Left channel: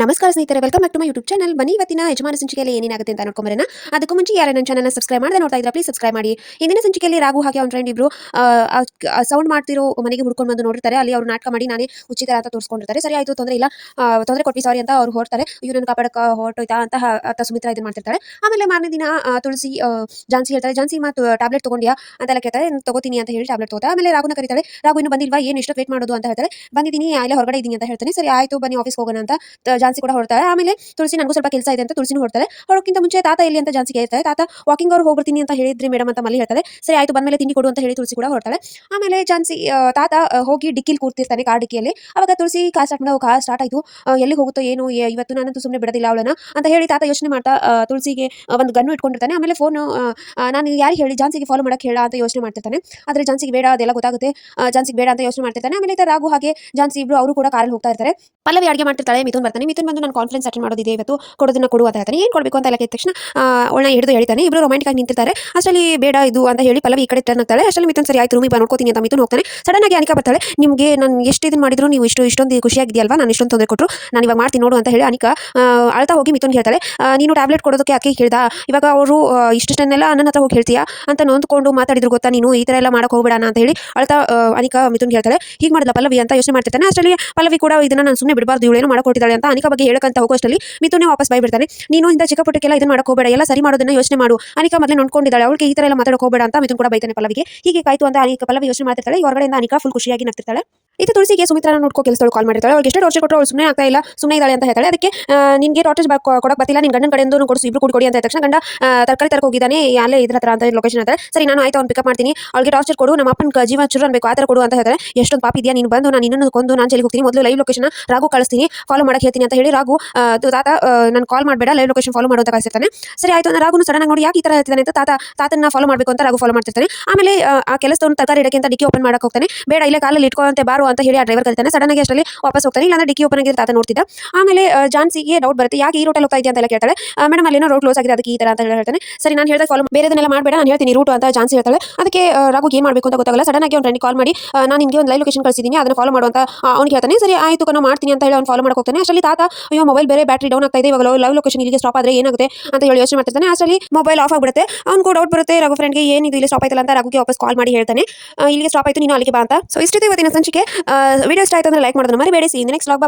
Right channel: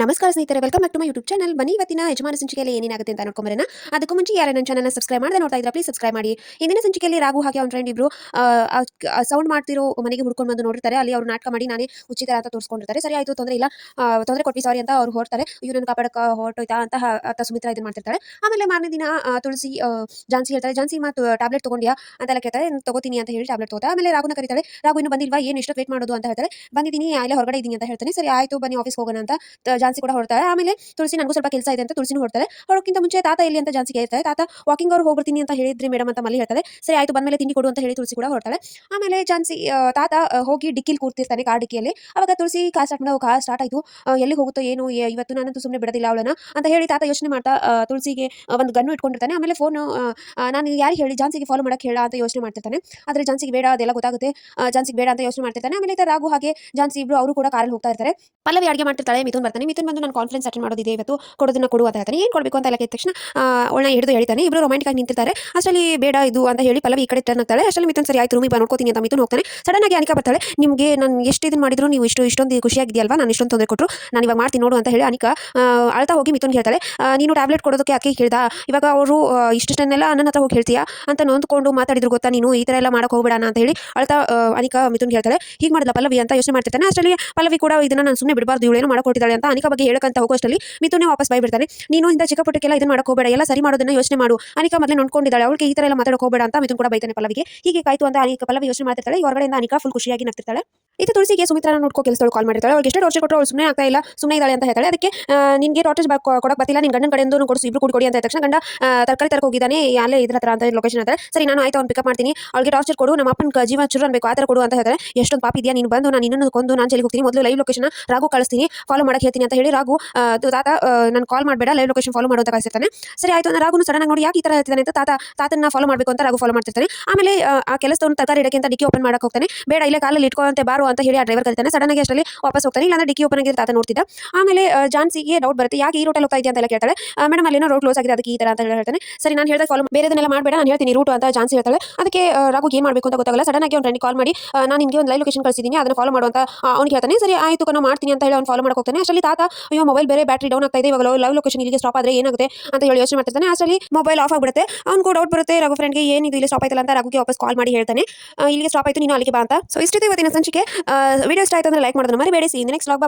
ನಮಸ್ಕಾರ ಸ್ನೇಹಿತರೆ, welcome back to my YouTube channel. ಬನ್ನಿ ಇವತ್ತಿನ ಯಜಮಾನ ಸಂಚಿಕೆಯಲ್ಲಿ ಏನೇನಾಗುತ್ತೆ ಅಂತ ನೋಡ್ಕೊಂಬರೋಣ. ಅದಕ್ಕೂ ಮುಂಚೆ ಯಾರು ನನ್ನ ಚಾನಲ್ನ ಸಬ್ಸ್ಕ್ರೈಬ್ ಮಾಡದೆ ನೋಡ್ತಾ ಇದ್ರೆ ಪ್ಲೀಸ್ ಸಬ್ಸ್ಕ್ರೈಬ್ ಮಾಡಿ. ಇಂದಿನ ಸಂಚಿಕೆಯಲ್ಲಿ ರಾಘು ಹಾಗೆ ಅವ್ನ ಫ್ರೆಂಡ್ ಇಬ್ರು ಸೌಂಡ್ ಮಾಡ್ತಿರೋ ಮನೆಗೆ ಹುಡ್ಕೊಂಡು ಬಂದು ನೋಡಿರ್ತಾರೆ. ಅಲ್ಲಿ ಅವ್ರು ನಾಟಕ ಮಾಡಿ ನಾನೇ ಉಚಿತ ಅಂತ ತೋರಿಸ್ಕೊಂಡಿರ್ತಾರೆ. ಸರಿ ಆಯಿತು, ತೊಂದರೆ ಇಲ್ಲ, ತೊಂದರೆ ಕೊಟ್ವಿ, ಸಾರಿ ಅಂತ ಅವ್ರು ಹೊರಡ್ತಾರೆ. ಇವ್ರನ್ನ ಕಾಪಾಡಕ್ಕೆ ಹೊರಟೋಯ್ತಾ ಅಂತ ಸುಮಿತ್ರಾ ಇದನ್ನ ಮಾಡ್ತಿರ್ತಾಳೆ. ಆಮೇಲೆ ಮಾರನೇ ದಿನ ತುಳಸಿ ಜಾನ್ಸಿ ಹೇಳ್ತಾರೆ, ಜಾನ್ಸಿ ಮತ್ತು ಟ್ಯಾಬ್ಲೆಟ್ ತಗೊಂಡ್ಯಾ ಅಂತೆಲ್ಲ ಕೇಳ್ತಾರೆ. ತಗೋತೀನಿ ಅಂತ ಹೇಳಿ ಟ್ಯಾಬ್ಲೆಟ್ ತಗೋತಾ. ಆಮೇಲೆ ರಾಘುನ ಕರೀತಾಳೆ. ರಾಘು ಇನ್ನು ಬಂದಿಲ್ವಾ, ಏನು ಇಷ್ಟು ವೇಟ್ ಮಾಡೋದು ಅಂತ ಹೇಳ್ತಾರೆ. ಬಂದಿದ್ದೀನಿ, ಅಲ್ಲೇ ಹೊರಗಡೆ ಇದ್ದೀನಿ ಅಂತ ಹೇಳ್ತಾನೆ. ಸರಿ ಆಯಿತು, ಬನ್ನಿ ಆಫೀಸ್ ಹೋಗೋಣ ಅಂತ ಜಾನ್ಸಿ ಕೂಡ ಹೊರಡ್ತಾರೆ. ಆಮೇಲೆ ತುಳಸಿ ನನಗೂ ಸ್ವಲ್ಪ ಕೆಲಸ ಇದೆ ಅಂತ ತುಳಸಿನೂ ಹೊರಡ್ತಾರೆ. ಹೊರಕ್ಕಿಂತ ಮುಂಚೆ ತಾತ ಎಲ್ಲಿ ಅಂತ ಜಾನ್ಸಿಗೆ ಹೇಳ್ತಾರೆ. ತಾತ ವಾಕಿಂಗ್ ಅವ್ರು ಹೋಗ್ಬಿಡ್ತೀನಿ ಅಂತ ಹೇಳಿದ್ರಿ ಮೇಡಮ್ ಅಂತ ಮಲ್ಲಿ ಹೇಳ್ತಾರೆ. ಸರಿ ಆಯಿತು, ಬಂದ್ಮೇಲೆ ತಿಂಡಿ ಕೊಡು ಅಂತ ಹೇಳಿ ತುಳಸಿ ಕೂಡ ಹೊರಡ್ತಾಳೆ. ಆಮೇಲೆ ಜಾನ್ಸಿ ತಾತ ಹೋಗಿ ಡಿಕ್ಕಿಲಿ ಕೂರ್ತಿರ್ತಾನೆ, ಕಾರ್ ಡಿಕ್ಕಿಯಲ್ಲಿ. ಅವಾಗ ತುಳಸಿ ಕಾರ್ ಸ್ಟಾರ್ಟ್ ಮಾಡೋ, ಕಾರ್ ಸ್ಟಾರ್ಟ್ ಆಯಿತು, ಎಲ್ಲಿ ಹೋಗುತ್ತೋ ಏನು ಇವತ್ತು, ನಾನಂತೂ ಸುಮ್ಮನೆ ಬಿಡೋದಿಲ್ಲ ಅವಳನ್ನ ಅಂತ ಹೇಳಿ ತಾತ ಯೋಚನೆ ಮಾಡ್ತಾ ತುಳಸಿಗೆ ಒಂದು ಗನ್ನು ಇಟ್ಕೊಂಡಿರ್ತಾನೆ. ಆಮೇಲೆ ಫೋನು ನಾನು ಯಾರಿಗೆ ಹೇಳಿ ಜಾನ್ಸಿಗೆ ಫಾಲೋ ಮಾಡಕ್ಕೆ ಹೇಳ ಅಂತ ಯೋಚನೆ ಮಾಡ್ತಿರ್ತಾನೆ. ಆದರೆ ಜಾನ್ಸಿಗೆ ಬೇಡ, ಅದೆಲ್ಲ ಗೊತ್ತಾಗುತ್ತೆ, ಜಾನ್ಸಿಗೆ ಬೇಡ ಅಂತ ಯೋಚನೆ ಮಾಡ್ತಿರ್ತಾನೆ. ಆಮೇಲೆ ರಾಘು ಹಾಗೆ ಜಾನ್ಸಿ ಇಬ್ರು ಅವರು ಕೂಡ ಕಾರಲ್ಲಿ ಹೋಗ್ತಾ ಇರ್ತಾರೆ. ಪಲ್ಲವಿ ಅಡುಗೆ ಮಾಡ್ತಿರ್ತಾಳೆ. ಮಿಥುನ್ ಬರ್ತಾನೆ. ಮಿಥುನ್ ಬಂದು ನಾನು ಕಾನ್ಫರೆನ್ಸ್ ಅಟೆಂಡ್ ಮಾಡೋದಿದೆ ಇವತ್ತು, ಕೊಡೋದನ್ನ ಕೊಡು ಅಂತ ಹೇಳ್ತಾನೆ. ಏನು ಕೊಡಬೇಕು ಅಂತ ಕೇಳಿದ ತಕ್ಷಣ ಅವಳನ್ನ ಹಿಡಿದು ಹೇಳ್ತಾನೆ. ಇಬ್ರು ರೊಮ್ಯಾಂಟಿಕ್ ಆಗಿ ನಿಂತಿರ್ತಾರೆ. ಅಷ್ಟರಲ್ಲಿ ಬೇಡ ಇದು ಅಂತ ಹೇಳಿ ಪಲ್ಲವಿ ಈ ಕಡೆ ಟರ್ನ್ ಆಗ್ತಾಳೆ. ಅಷ್ಟರಲ್ಲಿ ಮಿಥುನ್ ಸರಿ ಆಯ್ತು ರೂಮಿಗೆ ನೋಡ್ಕೋತೀನಿ ಅಂತ ಮಿಥುನ್ ಹೋಗ್ತಾನೆ. ಸಡನ್ ಆಗಿ ಅನಿಕಾ ಬರ್ತಾಳೆ. ನಿಮಗೆ ನಾನು ಎಷ್ಟು ಇದನ್ನು ಮಾಡಿದ್ರು ನೀವು ಇಷ್ಟೊಂದು ಖುಷಿಯಾಗಿದೆಯಲ್ವಾ, ನಾನು ಇಷ್ಟೊಂದು ತೊಂದರೆ ಕೊಟ್ಟರು, ನಾನು ಇವಾಗ ಮಾಡ್ತೀನಿ ನೋಡು ಅಂತ ಹೇಳಿ ಅನಿಕಾ ಅಳ್ತಾ ಹೋಗಿ ಮಿಥುನ್ ಹೇಳ್ತಾಳೆ, ನೀನು ಟ್ಯಾಬ್ಲೆಟ್ ಕೊಡೋದಕ್ಕೆ ಅಕ್ಕಿ ಕೇಳ್ದ, ಇವಾಗ ಅವರು ಇಷ್ಟನ್ನೆಲ್ಲ ನನ್ನ ಹತ್ರ ಹೋಗಿ ಹೇಳ್ತೀಯಾ ಅಂತ ನೊಂದ್ಕೊಂಡು ಮಾತಾಡಿದ್ರು ಗೊತ್ತಾ, ನೀನು ಈ ಥರ ಎಲ್ಲ ಮಾಡೋಕೆ ಹೋಗಬೇಡ ಅಂತ ಹೇಳಿ ಅಳ್ತಾ ಅನಿಕಾ ಮಿಥುನ್ ಹೇಳ್ತಾಳೆ. ಹೀಗೆ ಮಾಡಿದ ಪಲ್ಲವಿ ಅಂತ ಯೋಚನೆ ಮಾಡ್ತಿರ್ತಾನೆ. ಅಷ್ಟರಲ್ಲಿ ಪಲ್ಲವಿ ಕೂಡ ಇದನ್ನ ನಾನು ಸುಮ್ಮನೆ ಬಿಡಬಾರ್ದು, ಇವಳೇನೋ ಮಾಡಿಕೊಟ್ಟಿದ್ದಾಳೆ ಅಂತ ಅನಿಕಾ ಬಗ್ಗೆ ಹೇಳಕ್ಕಂತ ಹೋಗೋಷ್ಟರಲ್ಲಿ ಮಿಥುನೇ ವಾಪಸ್ ಬಾಯ್ಬಿಡ್ತಾನೆ. ನೀನು ಇಂಥ ಚಿಕ್ಕ ಪುಟ್ಟಕ್ಕೆಲ್ಲ ಇದನ್ನ ಮಾಡಕ್ಕೆ ಹೋಗಬೇಡ, ಎಲ್ಲ ಸರಿ ಮಾಡೋದನ್ನ ಯೋಚನೆ ಮಾಡು, ಅನಿಕಾ ಮೊದಲೇ ನೋಡ್ಕೊಂಡಿದ್ದಾಳೆ, ಅವಳಿಗೆ ಈ ಥರ ಎಲ್ಲ ಮಾತಾಡಕ್ಕೆ ಹೋಗಬೇಡ ಅಂತ ಮಿಥುನ್ ಕೂಡ ಬೈತಾನೆ ಪಲ್ಲವಿಗೆ. ಹೀಗೆ ಕಾಯ್ತು ಅಂತ ಅನಿಕಾ ಪಲ್ಲವಿ ಯೋಚನೆ ಮಾಡ್ತಿರ್ತಾಳೆ. ಹೊರಗಡೆಯಿಂದ ಅನಿಕಾ ಫುಲ್ ಖುಷಿಯಾಗಿ ನಗ್ತಿರ್ತಾಳೆ. ಇದು ತುಳಸಿಗೆ ಸುಮಿತ್ರಾನ ನೋಡ್ಕೋ ಕೆಲಸದಳು ಕಾಲ್ ಮಾಡಿರ್ತಾಳೆ. ಅವ್ರಿಗೆ ಎಷ್ಟು ಟಾರ್ಚರ್ ಕೊಟ್ಟರು ಅವಳು ಸುಮ್ಮನೆ ಆಗ್ತಾ ಇಲ್ಲ, ಸುಮ್ಮನೆ ಇದ್ದಾಳೆ ಅಂತ ಹೇಳ್ತಾಳೆ. ಅದಕ್ಕೆ ನಿನಗೆ ಟಾರ್ಚರ್ ಕೊಡಕ್ಕೆ ಬರ್ತಿಲ್ಲ, ನಿನ್ನ ಗಂಡನ ಕಡೆಯಿಂದ ಕೊಡಿಸು, ಇಬ್ರು ಕೊಡಿ ಅಂತ ತಕ್ಷಣ ಗಂಡ ತರಕಾರಿ ತರಕ್ಕೆ ಹೋಗಿದ್ದಾನೆ, ಅಲ್ಲೇ ಇದ್ರ ಹತ್ರ ಅಂತ ಲೊಕೇಶನ್ ಹೇಳ್ತಾರೆ. ಸರಿ ನಾನು ಆಯ್ತು, ಅವ್ನು ಪಿಕಪ್ ಮಾಡ್ತೀನಿ, ಅವಳಿಗೆ ಟಾರ್ಚರ್ ಕೊಡು, ನಮ್ಮ ಅಪ್ಪನ ಜೀವ ಚುರು ಅನ್ಬೇಕು ಆ ಥರ ಕೊಡು ಅಂತ ಹೇಳ್ತಾರೆ. ಎಷ್ಟೊಂದು ಪಾಪ ಇದೆಯಾ ನೀನು, ಬಂದು ನಾನು ಇನ್ನೊಂದು ಕೊಂದು ನಾನು ಜೈಲಿಗೆ ಹೋಗ್ತೀನಿ, ಮೊದಲು ಲೈವ್ ಲೊಕೇಶನ್ ರಾಘು ಕಳಿಸ್ತೀನಿ, ಫಾಲೋ ಮಾಡಕ್ಕೆ ಹೇಳ್ತೀನಿ ಅಂತ ಹೇಳಿ ರಾಘು ತಾತ ನಾನು ಕಾಲ್ ಮಾಡಬೇಡ, ಲೈವ್ ಲೊಕೇಶನ್ ಫಾಲೋ ಮಾಡು ಅಂತ ಕಳಿಸಿರ್ತಾನೆ. ಸರಿ ಆಯ್ತು ಅಂದ್ರೆ ರಾಘುನು ಸಡನ್ ಆಗಿ ನೋಡಿ ಯಾಕೆ ಈ ಥರ ಹೇಳ್ತಾನೆ ಅಂತ ತಾತನ ಫಾಲೋ ಮಾಡಬೇಕು ಅಂತ ರಾಘು ಫಾಲೋ ಮಾಡ್ತಿರ್ತಾನೆ. ಆಮೇಲೆ ಆ ಕೆಲಸದವನು ತರಕಾರಿ ಇಡಕ್ಕೆ ಅಂತ ಡಿಕ್ಕಿ ಓಪನ್ ಮಾಡಕ್ಕೆ ಹೋಗ್ತಾನೆ. ಬೇಡ ಇಲ್ಲೇ ಕಾಲಲ್ಲಿ ಇಟ್ಕೊಂತೆ ಬಾರು ಅಂತ ಹೇಳಿ ಆ ಡ್ರೈವರ್ ಕರೀತಾನೆ. ಸಡನ್ ಆಗಿ ಅಷ್ಟರಲ್ಲಿ ವಾಪಸ್ ಹೋಗ್ತಾನೆ. ಇಲ್ಲಾಂದ್ರೆ ಡಿಕ್ಕಿ ಓಪನ್ ಆಗಿದ್ರೆ ತಾತ ನೋಡ್ತಿದ್ದ. ಆಮೇಲೆ ಜಾನ್ಸಿಗೆ ಡೌಟ್ ಬರುತ್ತೆ, ಯಾಕೆ ಈ ರೂಟಲ್ಲಿ ಹೋಗ್ತಾ ಇದೆಯಾ ಅಂತ ಕೇಳ್ತಾಳೆ. ಮೇಡಮ್ ಅಲ್ಲಿ ಏನೋ ರೋಡ್ ಕ್ಲೋಸ್ ಆಗಿದೆ ಅದಕ್ಕೆ ಈ ಥರ ಅಂತ ಹೇಳ್ತಾನೆ. ಸರಿ ನಾನು ಹೇಳಿದಾಗ ಫಾಲೋ ಬೇರೆದನ್ನೆಲ್ಲ ಮಾಡಬೇಡ, ನಾನು ಹೇಳ್ತೀನಿ ರೂಟ್ ಅಂತ ಜಾನ್ಸಿ ಹೇಳ್ತಾಳೆ. ಅದಕ್ಕೆ ರಾಘುಗೆ ಏನು ಮಾಡಬೇಕು ಅಂತ ಗೊತ್ತಾಗಲ್ಲ. ಸಡನ್ ಆಗಿ ಅವ್ನು ಫ್ರೆಂಡ್ ಕಾಲ್ ಮಾಡಿ ನಾನು ನಿಮಗೆ ಒಂದು ಲೈವ್ ಲೊಕೇಶನ್ ಕಳಿಸಿದ್ದೀನಿ, ಅದನ್ನು ಫಾಲೋ ಮಾಡುವಂತ ಅವ್ನಿಗೆ ಹೇಳ್ತಾನೆ. ಸರಿ ಆಯಿತು ಕಣೋ ಮಾಡ್ತೀನಿ ಅಂತ ಹೇಳಿ ಅವ್ನು ಫಾಲೋ ಮಾಡಕ್ಕೆ ಹೋಗ್ತಾನೆ. ಅಷ್ಟರಲ್ಲಿ ತಾತ ಅಯ್ಯೋ ಮೊಬೈಲ್ ಬೇರೆ ಬ್ಯಾಟ್ರಿ ಡೌನ್ ಆಗ್ತಾ ಇದೆ, ಇವಾಗ ಲೈವ್ ಲೊಕೇಶನ್ ಇಲ್ಲಿಗೆ ಸ್ಟಾಪ್ ಆದರೆ ಏನಾಗುತ್ತೆ ಅಂತ ಹೇಳಿ ಯೋಚನೆ ಮಾಡ್ತಿರ್ತಾನೆ. ಅಷ್ಟರಲ್ಲಿ ಮೊಬೈಲ್ ಆಫ್ ಆಗಿಬಿಡುತ್ತೆ. ಅವ್ನಿಗೂ ಡೌಟ್ ಬರುತ್ತೆ ರಾಘು ಫ್ರೆಂಡ್ಗೆ, ಏನಿದು ಇಲ್ಲಿ ಸ್ಟಾಪ್ ಆಯ್ತಲ್ಲ ಅಂತ ರಾಘುಗೆ ವಾಪಸ್ ಕಾಲ್ ಮಾಡಿ ಹೇಳ್ತಾನೆ, ಇಲ್ಲಿಗೆ ಸ್ಟಾಪ್ ಆಯಿತು, ನೀನು ಅಲ್ಲಿಗೆ ಬಾ ಅಂತ. ಸೊ ಇಷ್ಟಿದೆ ಇವತ್ತಿನ ಸಂಚಿಕೆ. ವಿಡಿಯೋ ಇಷ್ಟ ಆಯಿತು ಅಂದರೆ ಲೈಕ್ ಮಾಡೋದನ್ನ ಮರಿಬೇಡಿ. C next vlog.